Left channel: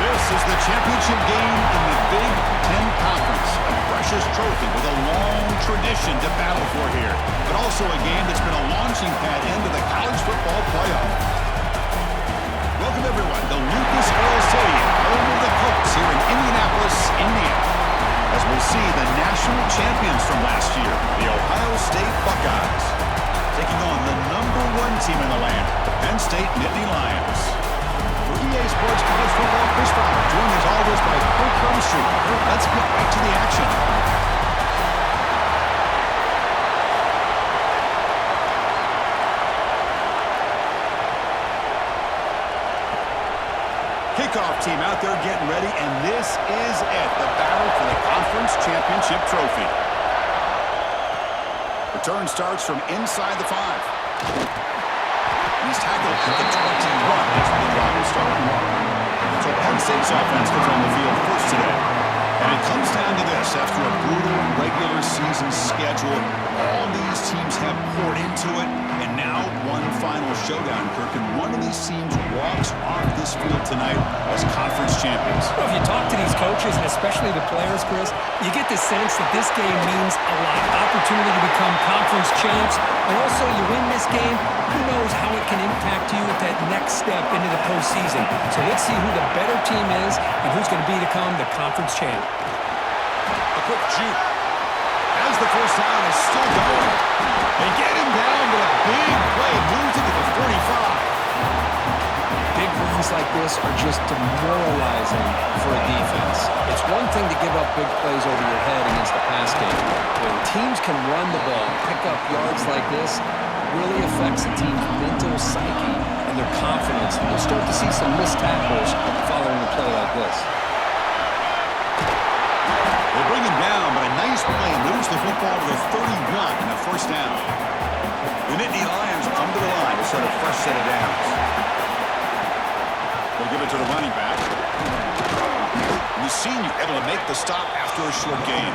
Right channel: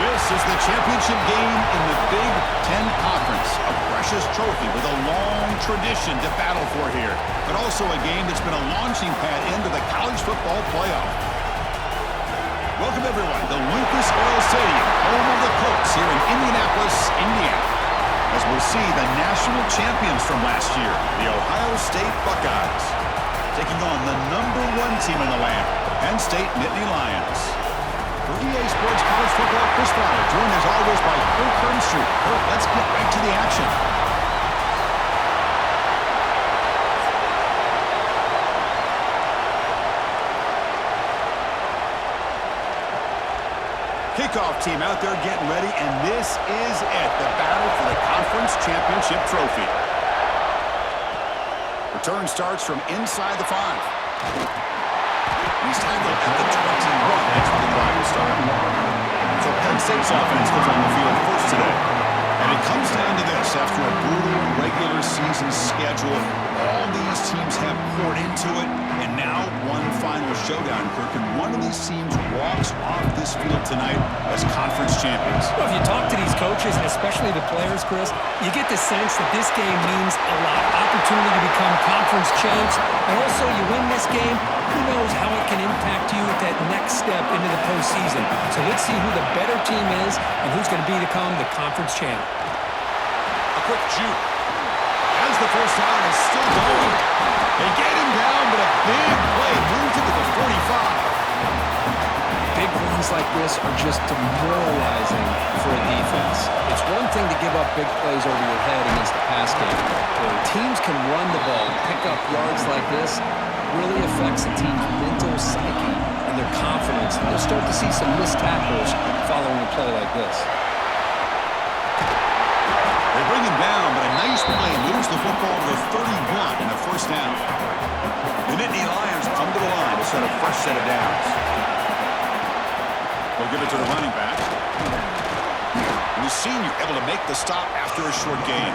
This is the championship game in the Big Ten Conference. A precious trophy with a long tradition to battle for here. But also a game that's been a launching pad into the college football playoff. Welcome, everyone, to Lucas Oil Stadium, home of the Colts here in Indianapolis, Indiana. As we'll see the national champions from last year, the Ohio State Buckeyes, taking on the #1 team in the land, the Penn State Nittany Lions. For EA Sports College Football, Chris Fowler, joined as always by Kirk Herbstreit. Kirk, let's get right to the action. Kickoff team out there getting ready, and this is it, the battle for the conference championship trophy. Return starts from inside the 5. He's tackled at the 21. That's where the drive will start. So Penn State's offense goes on the field first today. And it comes down to this. After a brutal regular season schedule, all these teams have poured into it. And now one final showdown, Kirk. And one of these teams walks off this field tonight as conference champions. Well, if you talk to these coaches, and especially the players, Chris, you get the sense that this game means a lot. Opportunity to become conference champs. And also, you win this game, who knows how it can impact you at that next step into the postseason. So let's see who the better team is and who's going to become the conference champ. A quick juke. As the first down is still going. They get him down, but a big play moves into the 45. Big runs like this are just demoralizing for a defense. It's one thing to give up big plays over your head against the pass game. When teams can run the ball, pick up yards like this, really affects the team's mental psyche and their confidence. And you'll start to see some missed tackles following a play like this. They bring him down, but a nice play moves the football to the 31 and a first down. The Nittany Lions come to the line to start a fresh set of downs. They'll give it to the running back. And the senior able to make the stop after a short gain.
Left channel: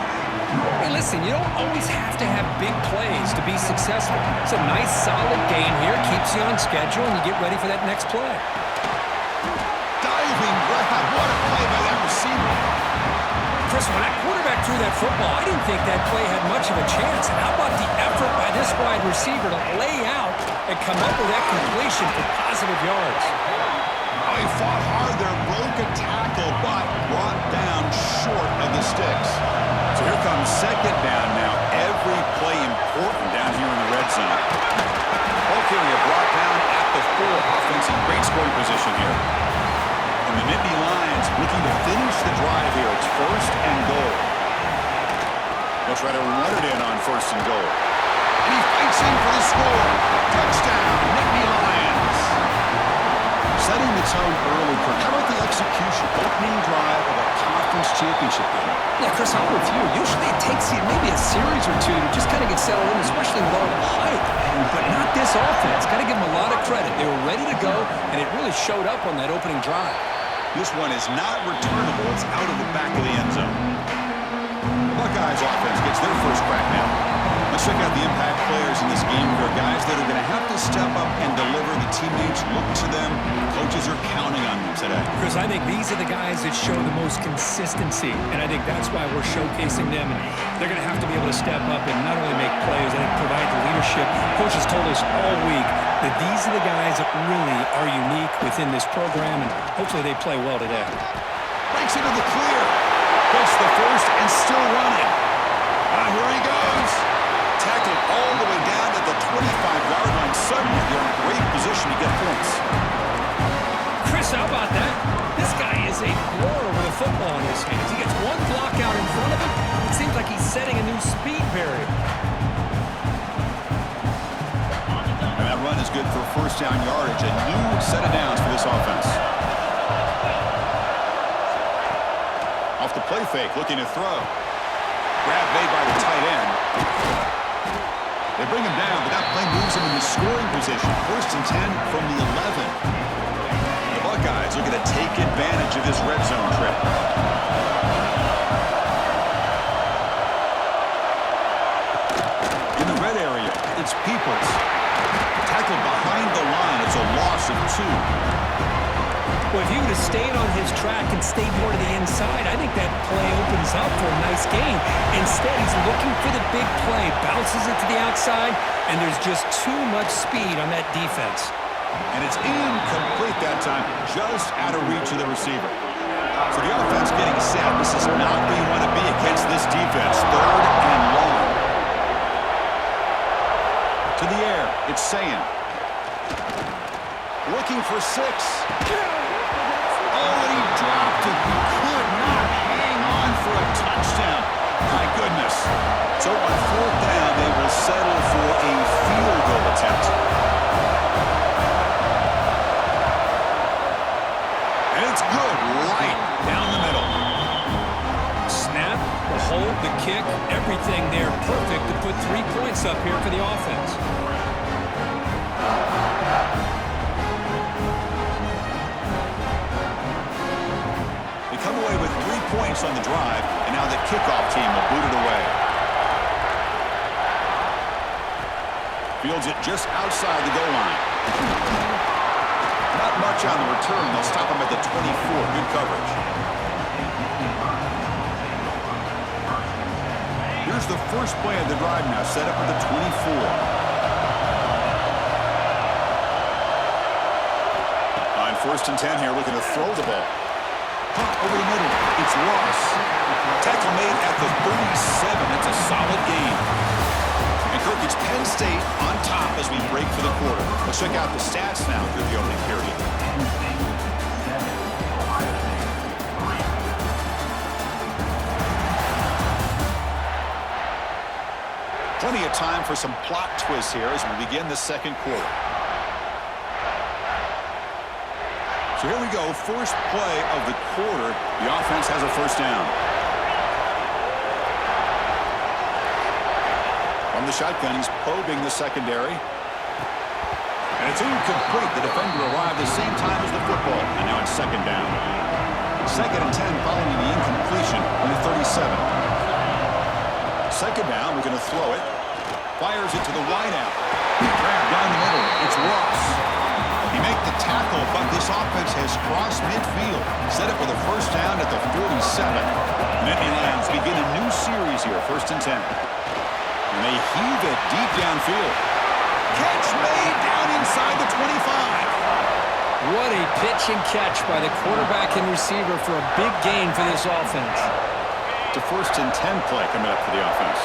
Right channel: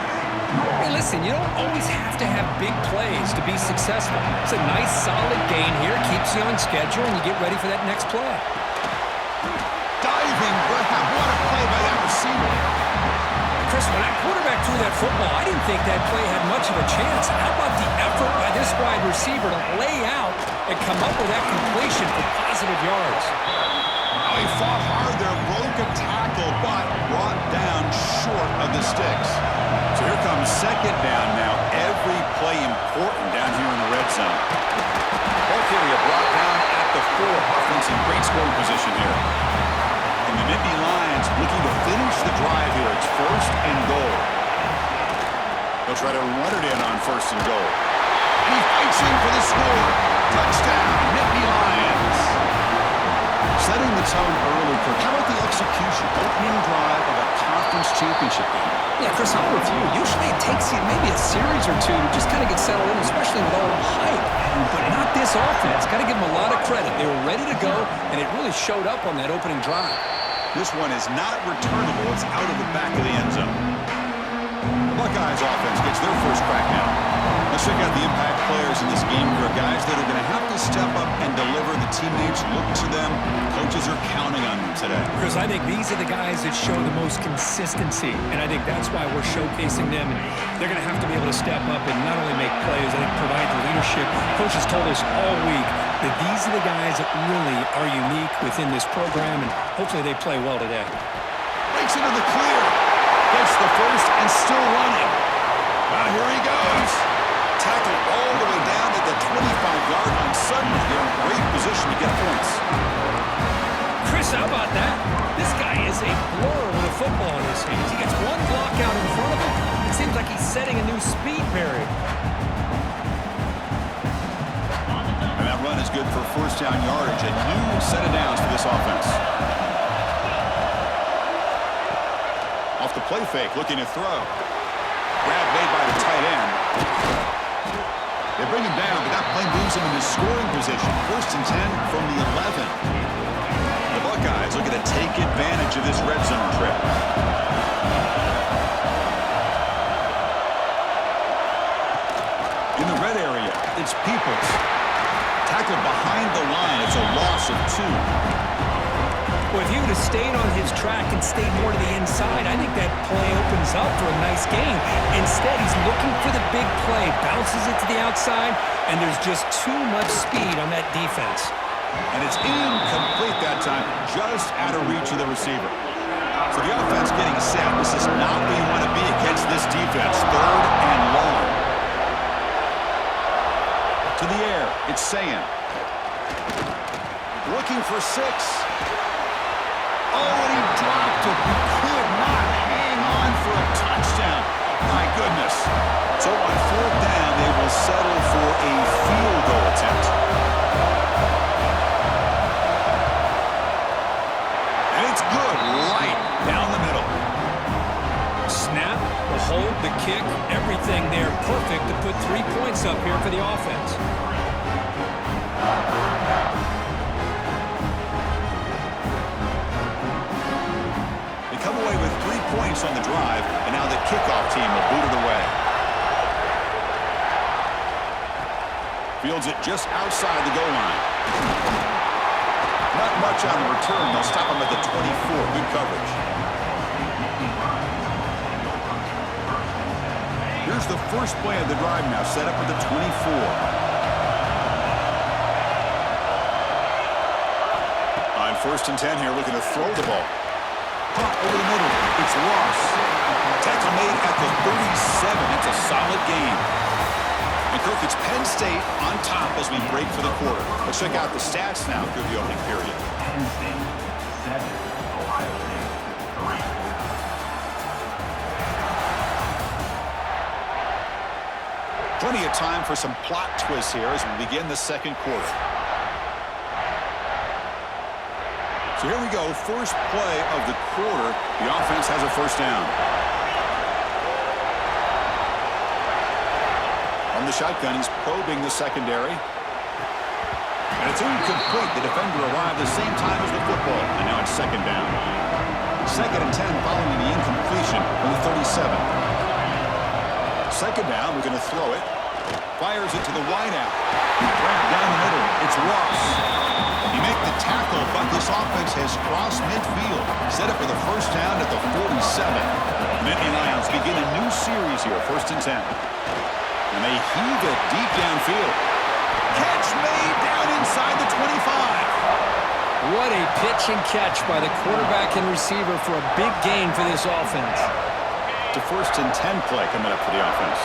Hey, listen, you don't always have to have big plays to be successful. It's a nice, solid gain here. Keeps you on schedule, and you get ready for that next play. Diving grab. What a play by that receiver. Chris, when that quarterback threw that football, I didn't think that play had much of a chance. How about the effort by this wide receiver to lay out and come up with that completion for positive yards? Oh, he fought hard there, broke a tackle, but brought down short of the sticks. So here comes second down now. Every play important down here in the red zone. Ball carrier brought down at the 4. Offense in great scoring position here. And the Nittany Lions looking to finish the drive here. It's first and goal. They'll try to run it in on first and goal. And he fights in for the score. Touchdown, Nittany Lions. Setting the tone early, Kirk. How about the execution? Opening drive of a conference championship game. Yeah, Chris, I'm with you. Usually it takes you maybe a series or two to just kind of get settled in, especially with all the hype. But not this offense. Got to give them a lot of credit. They were ready to go, and it really showed up on that opening drive. This one is not returnable. It's out of the back of the end zone. The Buckeyes offense gets their first crack now. Let's check out the impact players in this game. There are guys that are going to have to step up and deliver. The teammates look to them. Coaches are counting on them today. Chris, I think these are the guys that show the most consistency, and I think that's why we're showcasing them. And they're going to have to be able to step up and not only make plays, I think provide the leadership. Coaches told us all week that these are the guys that really are unique within this program, and hopefully they play well today. Breaks into the clear. Gets the first and still running. Here he goes. Tackled all the way down to the 25-yard line. Suddenly, you're in great position to get points. Chris, how about that? This guy is a blur with a football in his hands. He gets one block out in front of him. It seems like he's setting a new speed barrier. And that run is good for first down yardage. A new set of downs for this offense. Off the play fake, looking to throw. Grab made by the tight end. They bring him down, but that play moves him into scoring position. First and 10 from the 11. The Buckeyes looking to take advantage of this red zone trip. In the red area, it's Peoples. Tackled behind the line. It's a loss of 2. Well, if he would have stayed on his track and stayed more to the inside, I think that play opens up for a nice game. Instead, he's looking for the big play, bounces it to the outside, and there's just too much speed on that defense. And it's incomplete that time, just out of reach of the receiver. So the offense getting set. This is not where you want to be against this defense. 3rd and long. To the air, it's Sayan. Looking for 6. Oh, and he dropped it. He could not hang on for a touchdown. My goodness. So on 4th down, they will settle for a field goal attempt. And it's good, right down the middle. Snap, the hold, the kick, everything there perfect to put 3 points up here for the offense. They come away with 3 points on the drive, and now the kickoff team will boot it away. Fields it just outside the goal line. Not much on the return. They'll stop him at the 24. Good coverage. Here's the first play of the drive now, set up at the 24. On 1st and 10 here, looking to throw the ball. Punt over the middle. It's Ross. Tackle made at the 37. That's a solid game. And Kirk, it's Penn State on top as we break for the quarter. Let's check out the stats now through the opening period. Penn State 7, Ohio State 3. Plenty of time for some plot twists here as we begin the second quarter. So here we go, first play of the quarter. The offense has a 1st down. From the shotgun, he's probing the secondary. And it's incomplete. The defender arrived the same time as the football. And now it's 2nd down. 2nd and 10 following the incompletion from the 37. 2nd down, we're going to throw it. Fires it to the wideout. Grab down the middle. It's Ross. He make the tackle, but this offense has crossed midfield. Set up for the 1st down at the 47. Nittany Lions begin a new series here, 1st and 10. And they heave it deep downfield. Catch made down inside the 25. What a pitch and catch by the quarterback and receiver for a big gain for this offense. To 1st and 10 play coming up for the offense.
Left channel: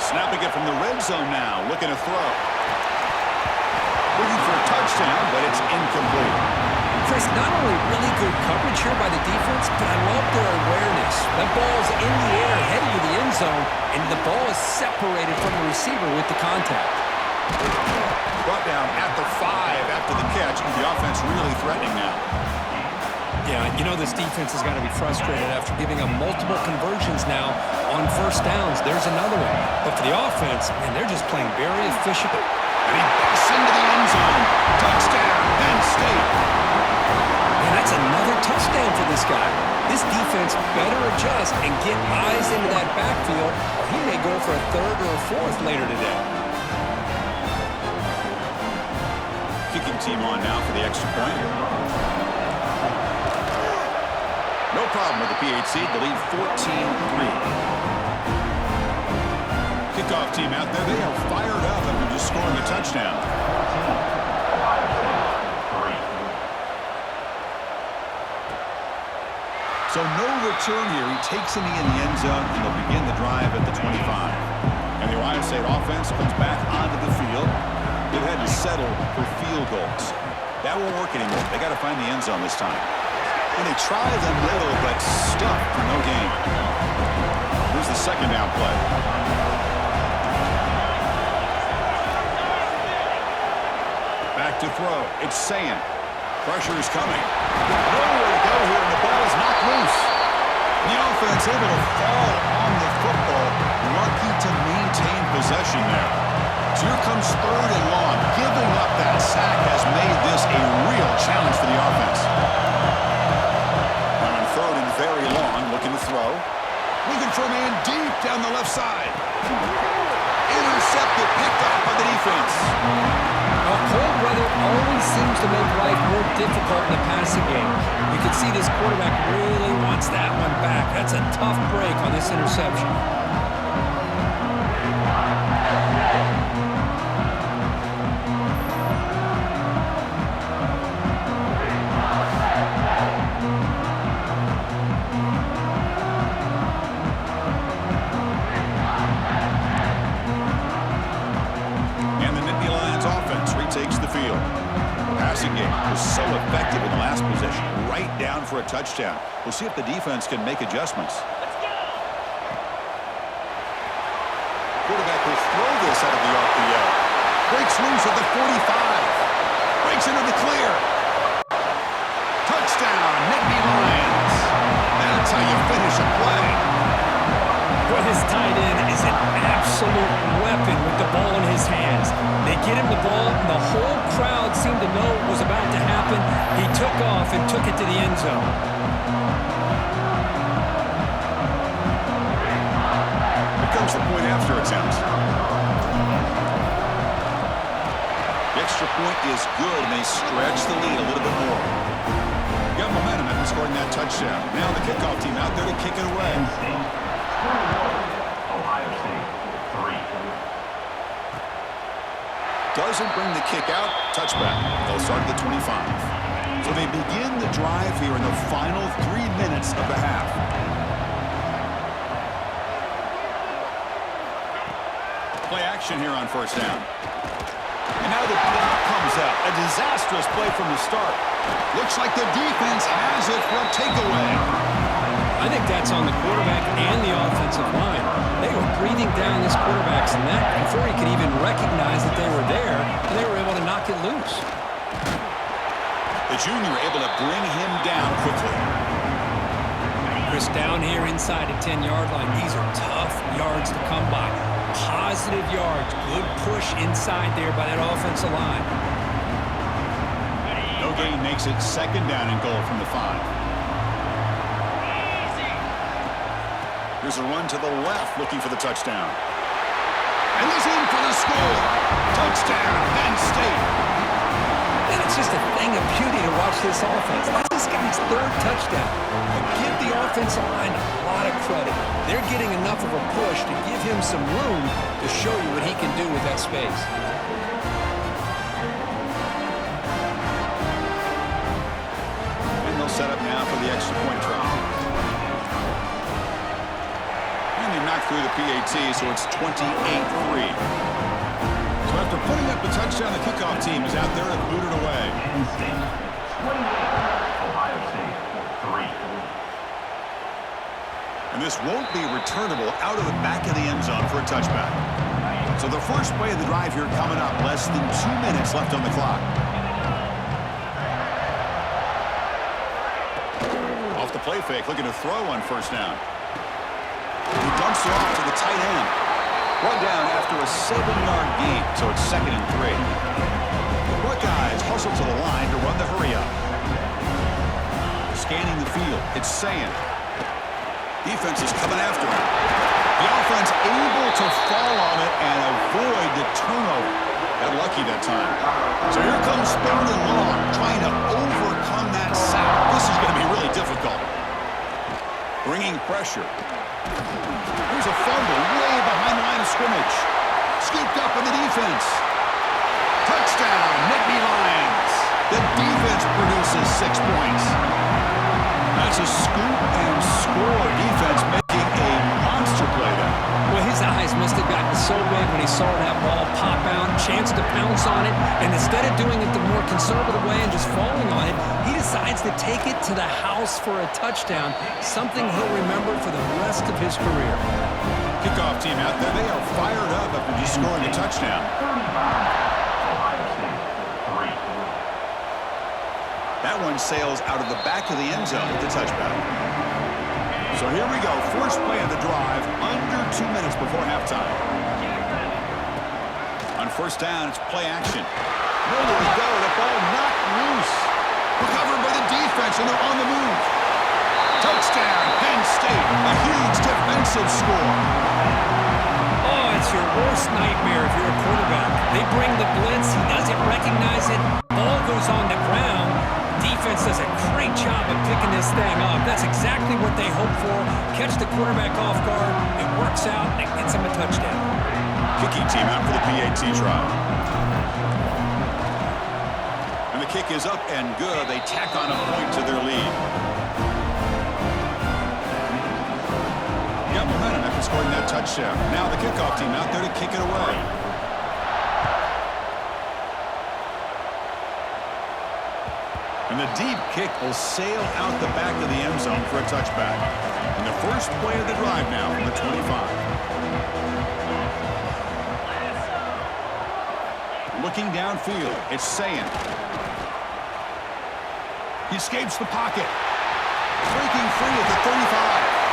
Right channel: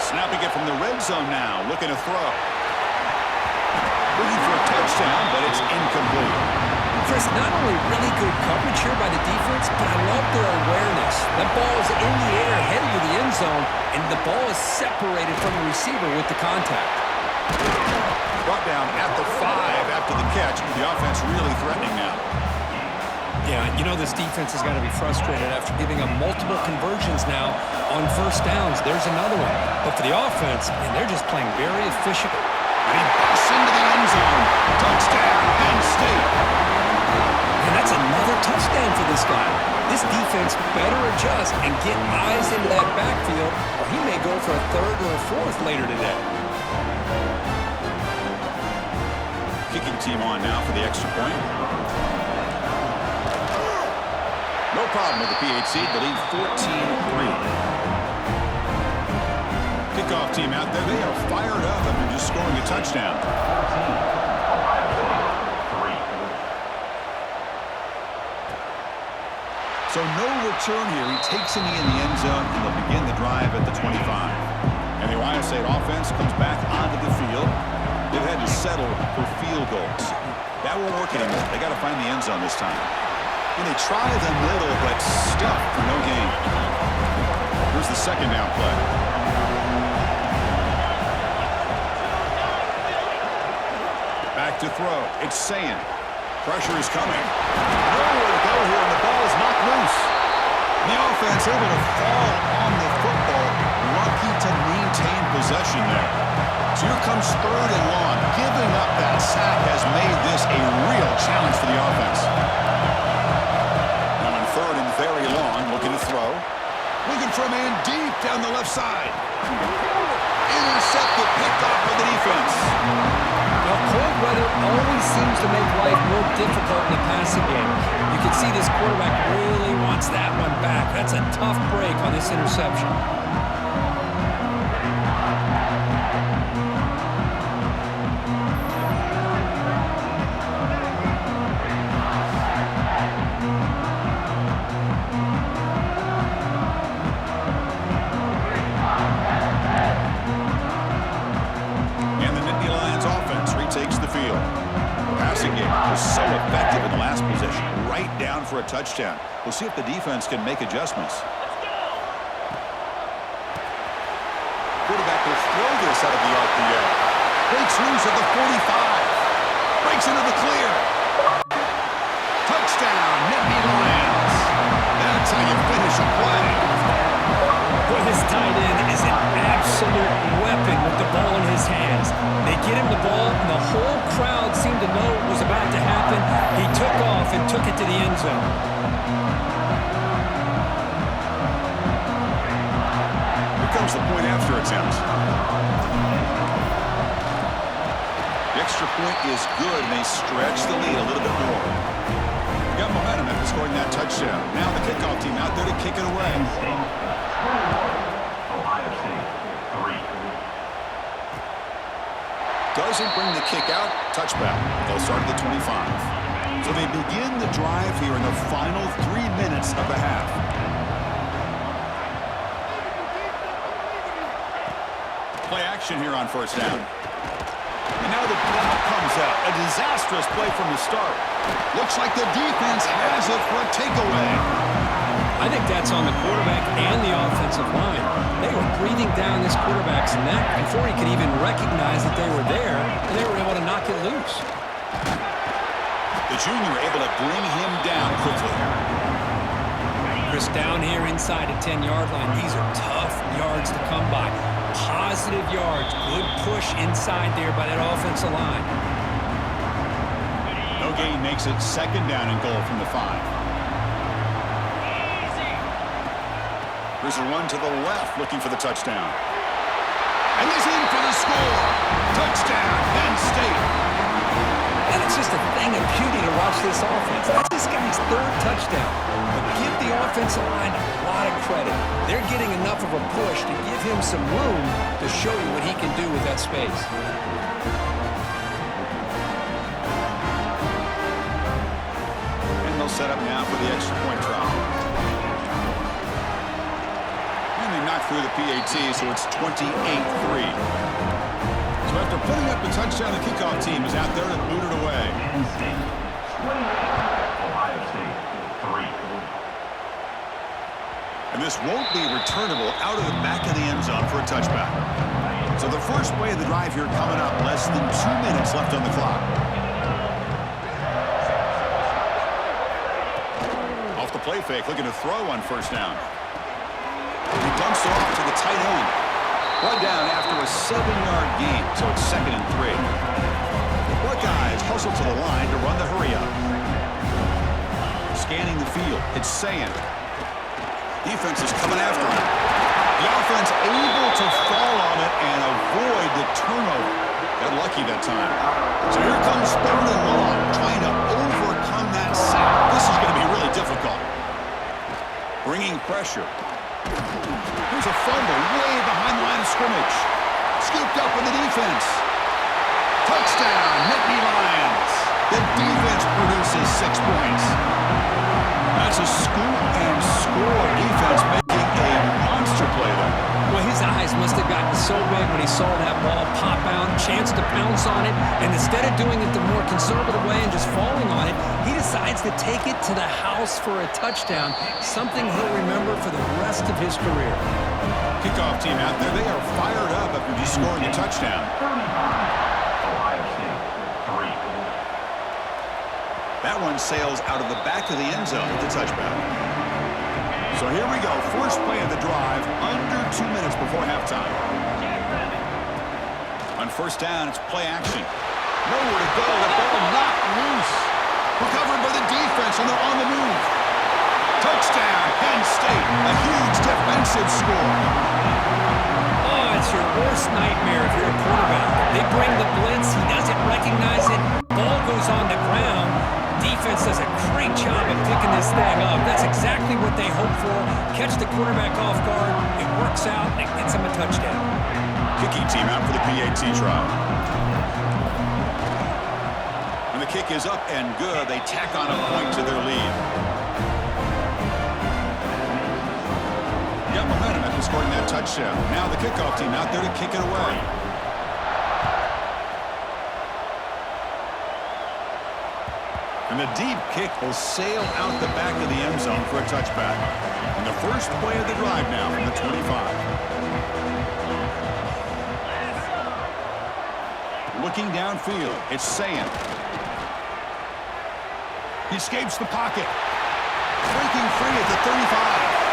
Snapping it from the red zone now, looking to throw. Looking for a touchdown, but it's incomplete. Chris, not only really good coverage here by the defense, but I love their awareness. That ball's in the air, headed to the end zone, and the ball is separated from the receiver with the contact. Brought down at the 5 after the catch. The offense really threatening now. Yeah, you know this defense has got to be frustrated after giving up multiple conversions now on 1st downs. There's another one. But for the offense, man, they're just playing very efficient. And he busts into the end zone. Touchdown, Penn State. Man, that's another touchdown for this guy. This defense better adjust and get eyes into that backfield, or he may go for a 3rd or a 4th later today. Kicking team on now for the extra point. No problem with the PHC. The lead 14-3. Kickoff team out there. They are fired up after just scoring a touchdown. 14, Ohio State 3. So no return here. He takes in the end zone, and they'll begin the drive at the 25. And the Ohio State offense comes back onto the field. They've had to settle for field goals. That won't work anymore. They got to find the end zone this time. And they try the middle, but stuck for no gain. Here's the 2nd down play. Back to throw. It's Sayan. Pressure is coming. Nowhere to go here, and the ball is knocked loose. And the offense able to fall on the football. Lucky to maintain possession there. So here comes 3rd and long. Giving up that sack has made this a real challenge for the offense. Now on 3rd and very long, looking to throw. Looking for a man deep down the left side. Intercepted, picked off by the defense. Well, cold weather always seems to make life more difficult in the passing game. You can see this quarterback really wants that one back. That's a tough break on this interception. So effective in the last possession, right down for a touchdown. We'll see if the defense can make adjustments. Let's go! Quarterback will throw this out of the RPO. Breaks loose at the 45. Breaks into the clear. Touchdown, Nittany Lions. That's how you finish a play. Well, this tight end is an absolute weapon with the ball in his hands. They get him the ball, and the whole crowd seemed to know what was about to happen. He took off and took it to the end zone. Here comes the point after attempt. The extra point is good, and they stretch the lead a little bit more. Got momentum after scoring that touchdown. Now the kickoff team out there to kick it away. Penn State 21, Ohio State 3. Doesn't bring the kick out. Touchback. They'll start at the 25. So they begin the drive here in the final 3 minutes of the half. Play action here on first down. And now the ball comes out. A disastrous play from the start. Looks like the defense has it for a takeaway. I think that's on the quarterback and the offensive line. They were breathing down this quarterback's neck before he could even recognize that they were there, and they were able to knock it loose. The junior able to bring him down quickly. Chris, down here inside the 10-yard line, these are tough yards to come by. Positive yards, good push inside there by that offensive line. No gain makes it second down and goal from the 5. Here's a run to the left, looking for the touchdown. And he's in for the score. Touchdown, Penn State. And it's just a thing of beauty to watch this offense. That's this guy's third touchdown. But give the offensive line a lot of credit. They're getting enough of a push to give him some room to show you what he can do with that space. And they'll set up now for the extra point try. And they knock through the PAT, so it's 28-3. So after putting up the touchdown, the kickoff team is out there to boot it away. Penn State 28, Ohio State 3. And this won't be returnable out of the back of the end zone for a touchback. So the first play of the drive here coming up, less than 2 minutes left on the clock. Off the play fake, looking to throw on first down. He dumps it off to the tight end. One down after a 7-yard gain, so it's 2nd and 3. The Buckeyes hustle to the line to run the hurry up. Scanning the field, it's Saying. Defense is coming after him. The offense able to fall on it and avoid the turnover. Got lucky that time. So here comes 3rd and long, trying to overcome that sack. This is going to be really difficult. Bringing pressure. There's a fumble way behind the line of scrimmage. Scooped up in the defense. Touchdown, Nittany Lions. The defense produces 6 points. That's a scoop and score defense making a monster play there. Well, his eyes must have gotten so big when he saw that ball pop out, chance to pounce on it, and instead of doing it the more conservative way and just falling on it, he decides to take it to the house for a touchdown, something he'll remember for the rest of his career. Kickoff team out there, they are fired up after just scoring a touchdown. 35, Ohio State 3. That one sails out of the back of the end zone with the touchback. So here we go, first play of the drive, under 2 minutes before halftime. On first down, it's play action. Nowhere to go, the ball knocked loose. Recovered by the defense, and they're on the move. Touchdown, Penn State, a huge defensive score. Oh, That's your worst nightmare if you're a quarterback. They bring the blitz, he doesn't recognize it, ball goes on the ground. Defense does a great job of picking this thing up. That's exactly what they hope for. Catch the quarterback off guard, it works out, and it gets him a touchdown. Kicking team out for the PAT try. And the kick is up and good. They tack on a point to their lead. Got momentum after scoring that touchdown. Now the kickoff team out there to kick it away. And the deep kick will sail out the back of the end zone for a touchback. And the first play of the drive now from the 25. Looking downfield, it's Sayin. He escapes the pocket. Breaking free at the 35.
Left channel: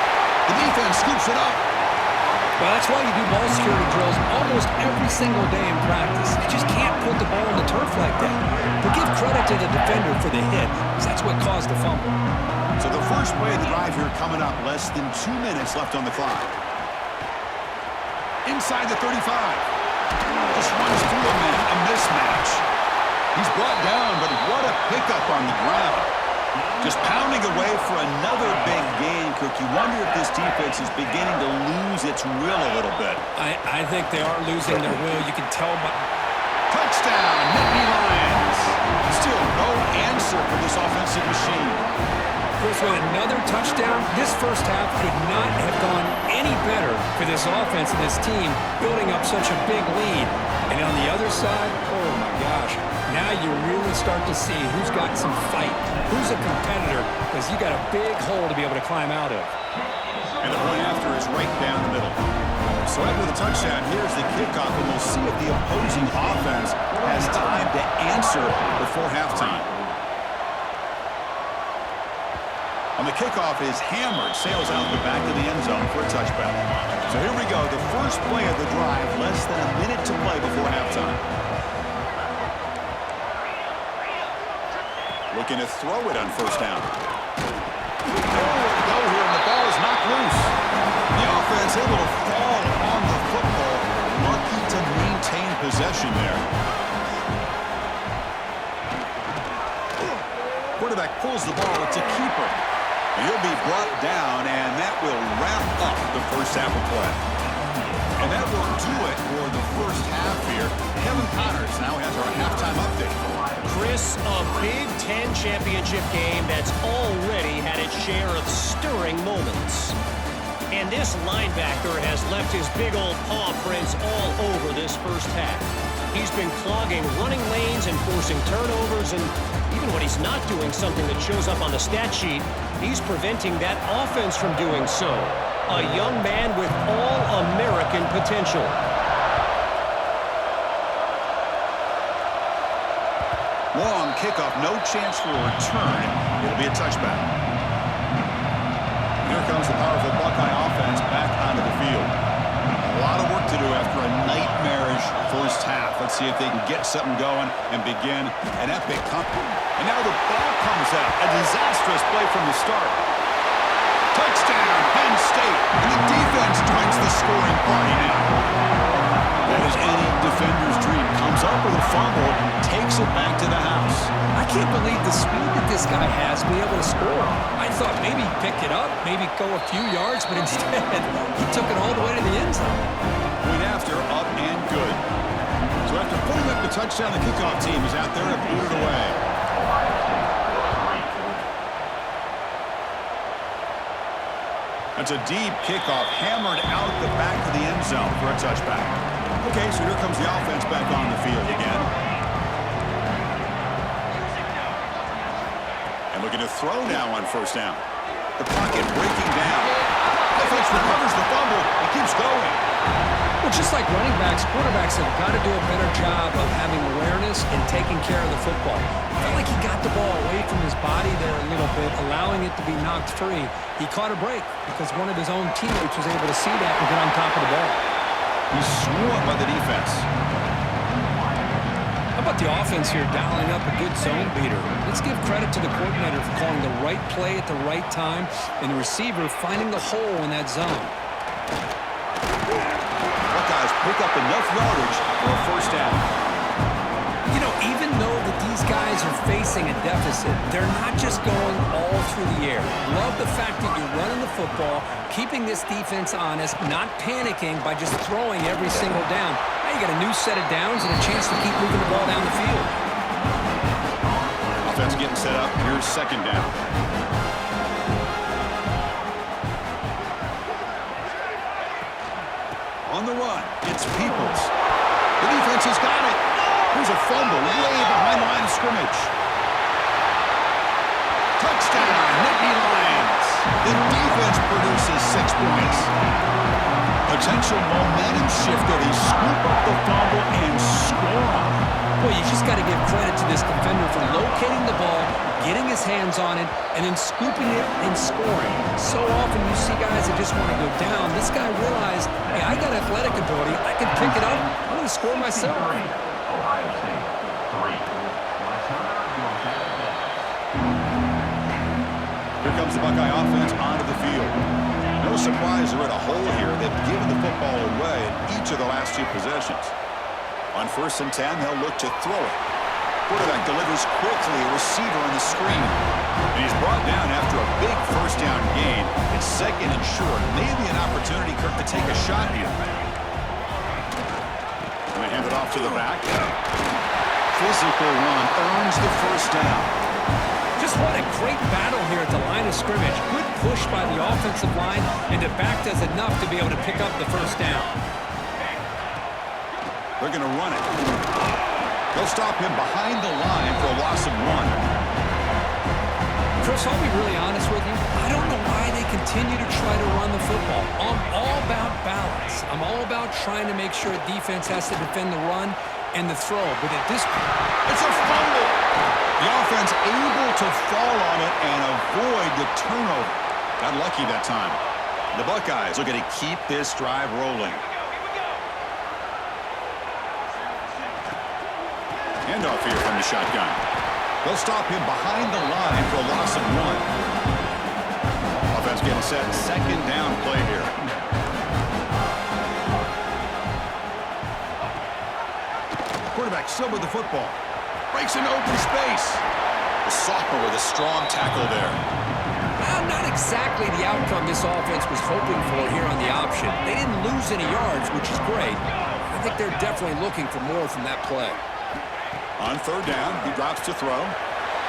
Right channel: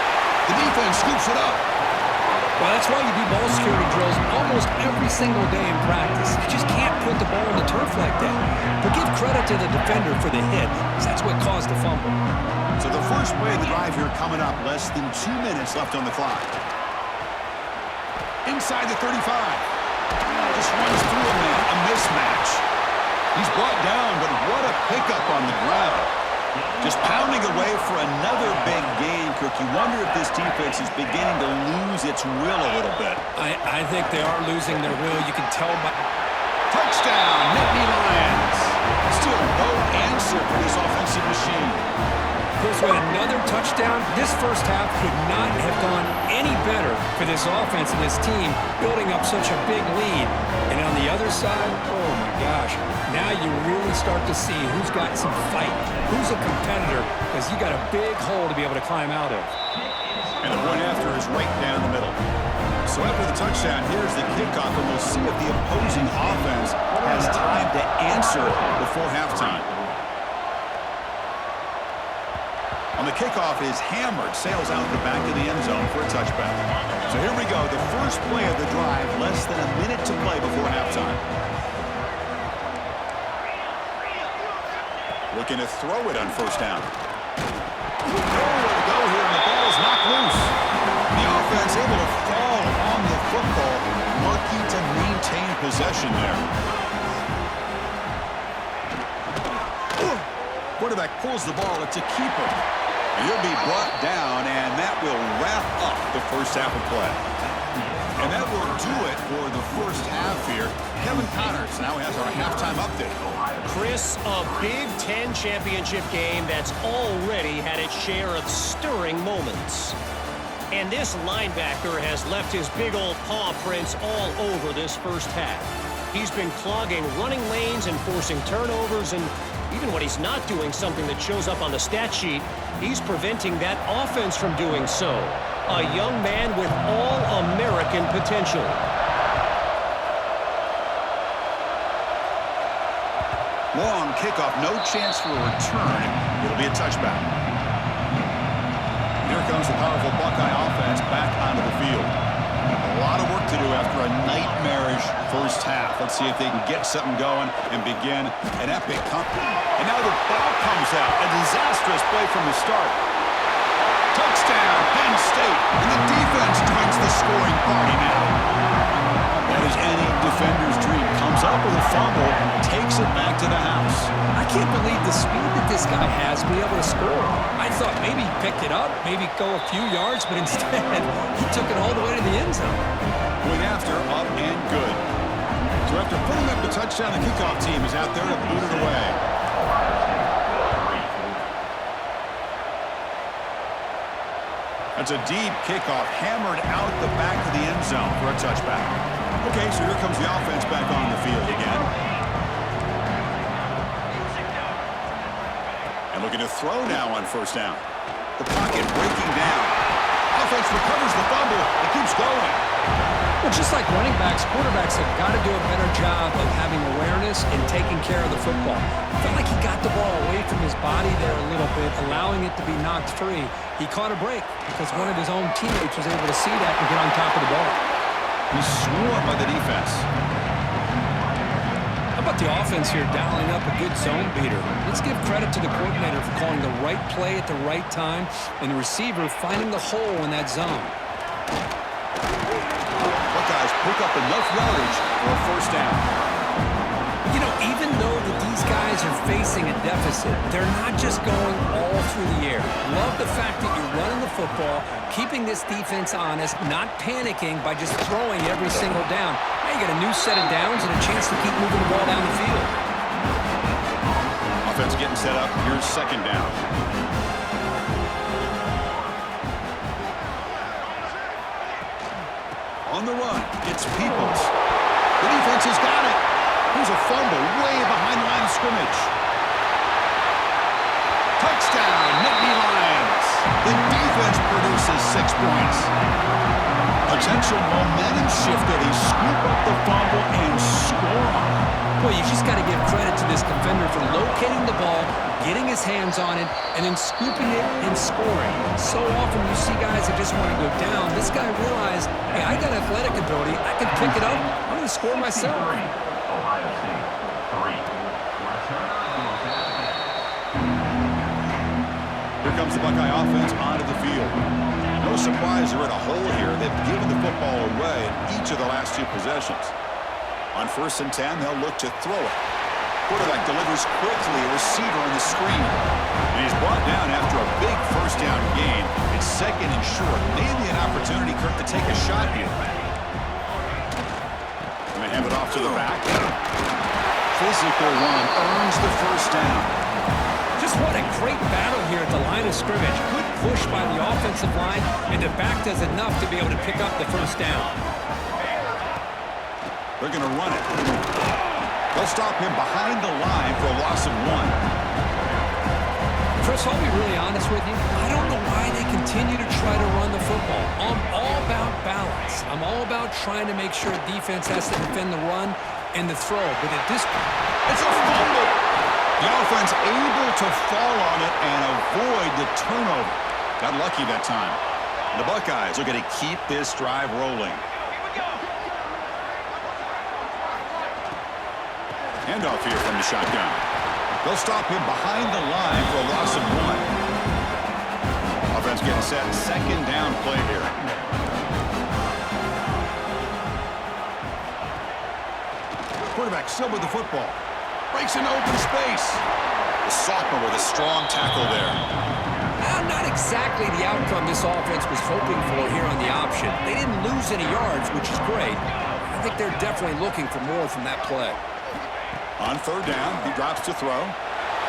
The defense scoops it up. Well, that's why you do ball security drills almost every single day in practice. You just can't put the ball on the turf like that. But give credit to the defender for the hit, because that's what caused the fumble. So the first play of the drive here coming up. Less than 2 minutes left on the clock. Inside the 35. Just runs through a man. A mismatch. He's brought down, but what a pickup on the ground. Just pounding away for another big gain, Kirk. You wonder if this defense is beginning to lose its will a little bit. I think they are losing their will. You can tell by... Touchdown, Nittany Lions. Still no answer for this offensive machine. Chris, with another touchdown, this first half could not have gone any better for this offense and this team, building up such a big lead. And on the other side, oh my gosh, now you really start to see who's got some fight, who's a competitor, because you got a big hole to be able to climb out of. And the point after is right down the middle. So after the touchdown, here's the kickoff, and we'll see if the opposing offense has time to answer before halftime. On the kickoff is hammered, sails out the back of the end zone for a touchback. So here we go, the first play of the drive, less than a minute to play before halftime. Looking to throw it on first down. Nowhere to go here, and the ball is knocked loose. The offense able to fall on the football, lucky to maintain possession there. Quarterback pulls the ball, it's a keeper. And he'll be brought down, and that will wrap up the first half of play. And that will do it for the first half here. Kevin Connors now has our halftime update. Chris, a Big Ten championship game that's already had its share of stirring moments. And this linebacker has left his big old paw prints all over this first half. He's been clogging running lanes and forcing turnovers, and even when he's not doing something that shows up on the stat sheet, he's preventing that offense from doing so. A young man with all-American potential. Long kickoff, no chance for a return. It'll be a touchback. Here comes the powerful Buckeye offense back onto the field. A lot of work to do after a nightmarish first half. Let's see if they can get something going and begin an epic comeback. And now the ball comes out. A disastrous play from the start. Touchdown, Penn State. And the defense joins the scoring party now. That is any defender's dream. Comes up with a fumble, takes it back to the house. I can't believe the speed that this guy has to be able to score. I thought maybe he'd pick it up, maybe go a few yards, but instead he took it all the way to the end zone. Point after, up and good. So after putting up the touchdown, the kickoff team is out there to boot it away. That's a deep kickoff, hammered out the back of the end zone for a touchback. Okay, so here comes the offense back on the field again. And looking to throw now on first down. The pocket breaking down. Offense recovers the fumble and keeps going. Well, just like running backs, quarterbacks have got to do a better job of having awareness and taking care of the football. I felt like he got the ball away from his body there a little bit, allowing it to be knocked free. He caught a break because one of his own teammates was able to see that and get on top of the ball. He's swarmed by the defense. How about the offense here dialing up a good zone beater? Let's give credit to the coordinator for calling the right play at the right time and the receiver finding the hole in that zone. Buckeye Buckeyes pick up enough yardage for a first down. You know, even though that these guys are facing a deficit, they're not just going all through the air. Love the fact that you're running the football, keeping this defense honest, not panicking by just throwing every single down. Now you got a new set of downs and a chance to keep moving the ball down the field. Offense getting set up. Here's second down. On the run, it's Peoples. The defense has got it. Here's a fumble way behind the line of scrimmage. Touchdown, Nittany Lions. The defense produces 6 points. Potential momentum shift there. They scoop up the fumble and score on it. Boy, you just got to give credit to this defender for locating the ball, getting his hands on it, and then scooping it and scoring. So often you see guys that just want to go down. This guy realized, hey, I got athletic ability. I can pick it up. I'm going to score myself. Ohio State, 3. Here comes the Buckeye offense onto the field. No surprise they're in a hole here. They've given the football away in each of the last 2 possessions. On 1st and 10, they'll look to throw it. Quarterback delivers quickly, a receiver on the screen. And he's brought down after a big first down gain. It's 2nd and short. Maybe an opportunity, Kirk, to take a shot here. And they hand it off to the back. Physical run earns the first down. Just what a great battle here at the line of scrimmage. Good push by the offensive line, and the back does enough to be able to pick up the first down. They're going to run it. They'll stop him behind the line for a loss of 1. Chris, I'll be really honest with you. I don't know why they continue to try to run the football. I'm all about balance. I'm all about trying to make sure defense has to defend the run and the throw. But at this point, it's a fumble. The offense able to fall on it and avoid the turnover. Got lucky that time. The Buckeyes are going to keep this drive rolling. Handoff here from the shotgun. They'll stop him behind the line for a loss of 1. Offense getting set. 2nd down play here. Quarterback still with the football. Breaks into open space. The sophomore with a strong tackle there. Not exactly the outcome this offense was hoping for here on the option. They didn't lose any yards, which is great. I think they're definitely looking for more from that play. On 3rd down, he drops to throw.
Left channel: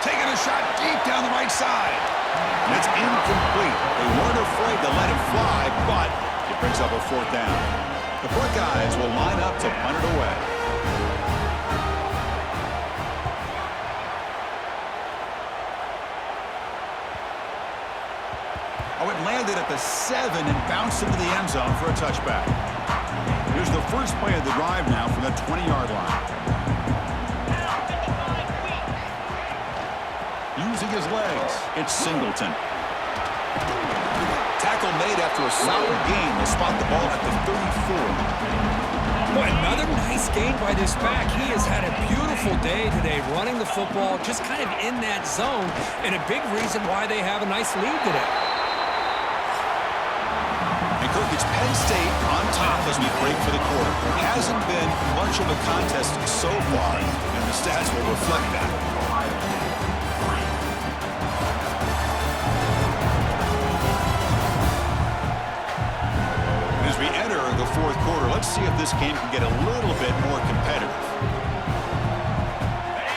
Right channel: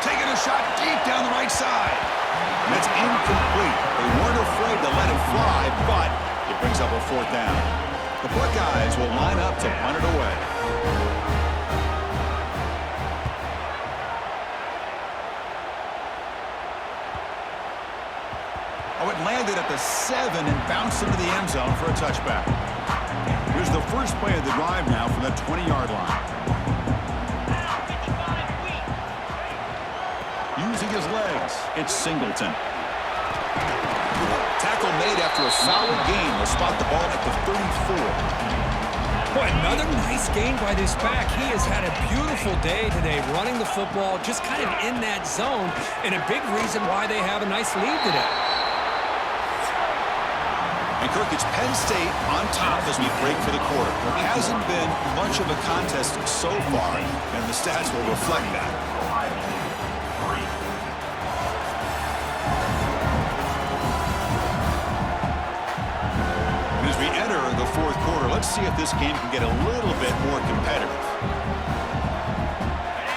Taking a shot deep down the right side. And it's incomplete. They weren't afraid to let it fly, but it brings up a 4th down. The Buckeyes will line up to punt it away. Oh, it landed at the 7 and bounced into the end zone for a touchback. Here's the first play of the drive now from the 20-yard line. Using his legs, it's Singleton. Tackle made after a solid gain. They'll spot the ball at the 34. Boy, another nice gain by this back. He has had a beautiful day today running the football, just kind of in that zone, and a big reason why they have a nice lead today. And Kirk, it's Penn State on top as we break for the quarter. There hasn't been much of a contest so far, and the stats will reflect that. Ohio State, 3. As we enter the 4th quarter, let's see if this game can get a little bit more competitive.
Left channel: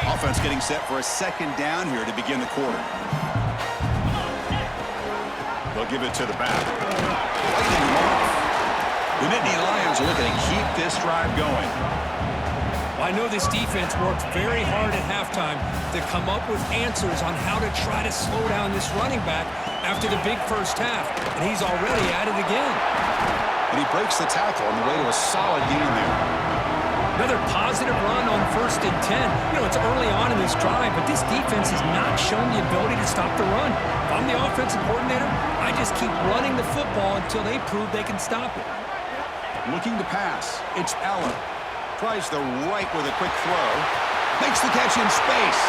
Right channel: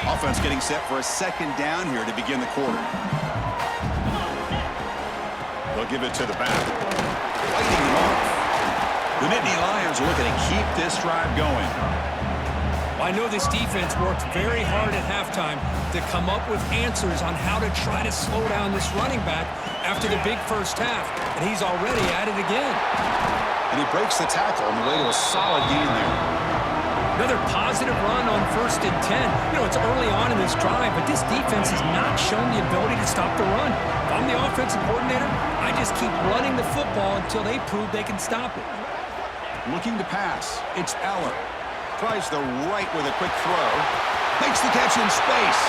Offense getting set for a 2nd down here to begin the quarter. They'll give it to the back. Fighting them off. The Nittany Lions are looking to keep this drive going. Well, I know this defense worked very hard at halftime to come up with answers on how to try to slow down this running back after the big first half, and he's already at it again. And he breaks the tackle on the way to a solid gain there. Another positive run on 1st and 10. You know, it's early on in this drive, but this defense has not shown the ability to stop the run. If I'm the offensive coordinator, I just keep running the football until they prove they can stop it. Looking to pass. It's Eller. Tries the right with a quick throw. Makes the catch in space.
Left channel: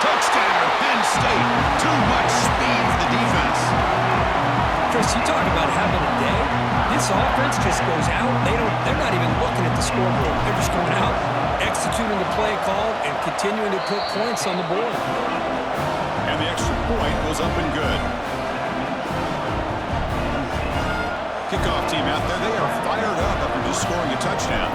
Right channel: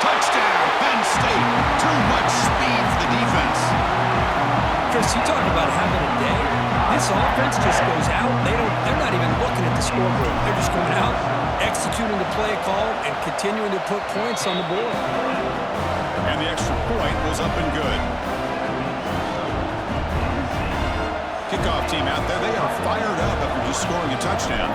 Touchdown, Penn State. Too much speed for the defense. Chris, you talk about having a day. This offense just goes out. They're not even looking at the scoreboard. They're just going out, executing the play call, and continuing to put points on the board. And the extra point was up and good. Kickoff team out there. They are fired up after just scoring a touchdown.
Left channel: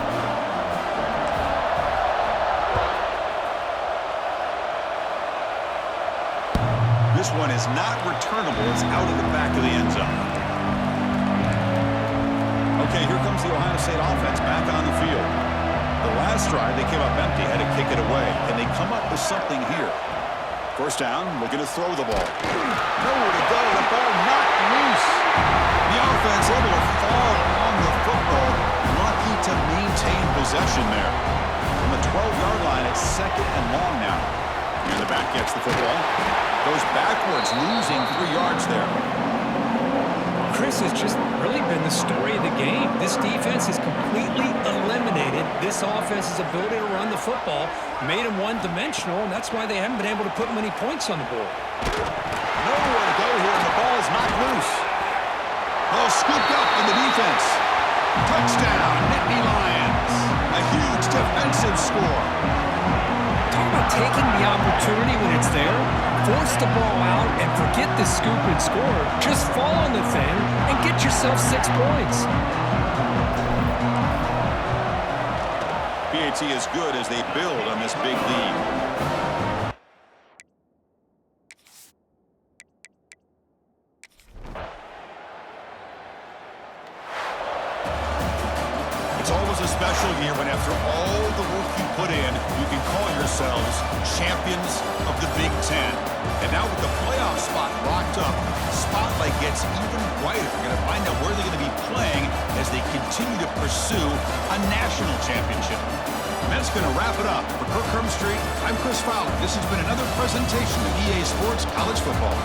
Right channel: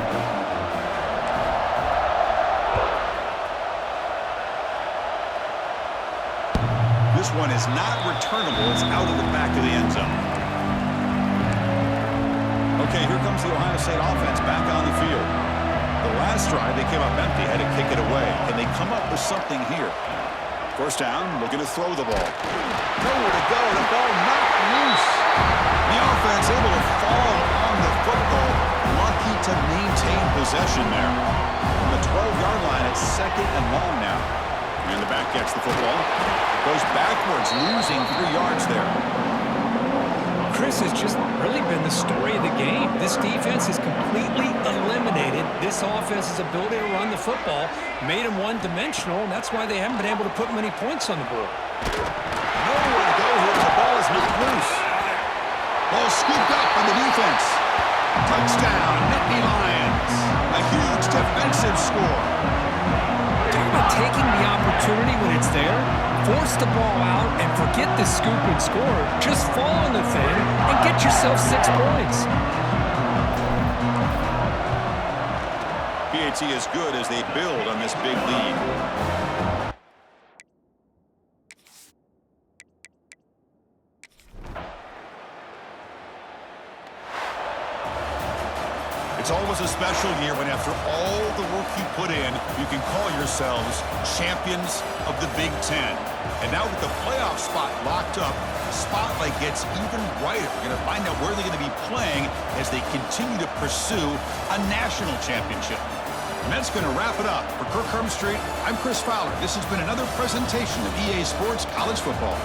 This one is not returnable. It's out of the back of the end zone. Okay, here comes the Ohio State offense back on the field. The last drive, they came up empty, had to kick it away. Can they come up with something here? First down, looking to throw the ball. Nowhere to go, the ball knocked loose. The offense able to fall on the football. Lucky to maintain possession there. From the 12-yard line, it's 2nd and long now. And the back gets the football. Goes backwards, losing 3 yards there. Chris has just really been the story of the game. This defense has completely eliminated this offense's ability to run the football, made them one-dimensional, and that's why they haven't been able to put many points on the board. Nowhere to go here, and the ball is knocked loose. Ball scooped up on the defense. Touchdown, Nittany Lions. A huge defensive score. Talk about taking the opportunity when it's there. Force the ball out and forget the scoop and score. Just fall on the thing and get yourself 6 points. PAT is good as they build on this big lead. It's always a special year when after all the work you put in, you can call yourselves champions of the Big Ten. And now with the playoff spot locked up, the spotlight gets even brighter. We're going to find out where they're going to be playing as they continue to pursue a national championship. And that's going to wrap it up. For Kirk Hermstreet, I'm Chris Fowler. This has been another presentation of EA Sports College Football.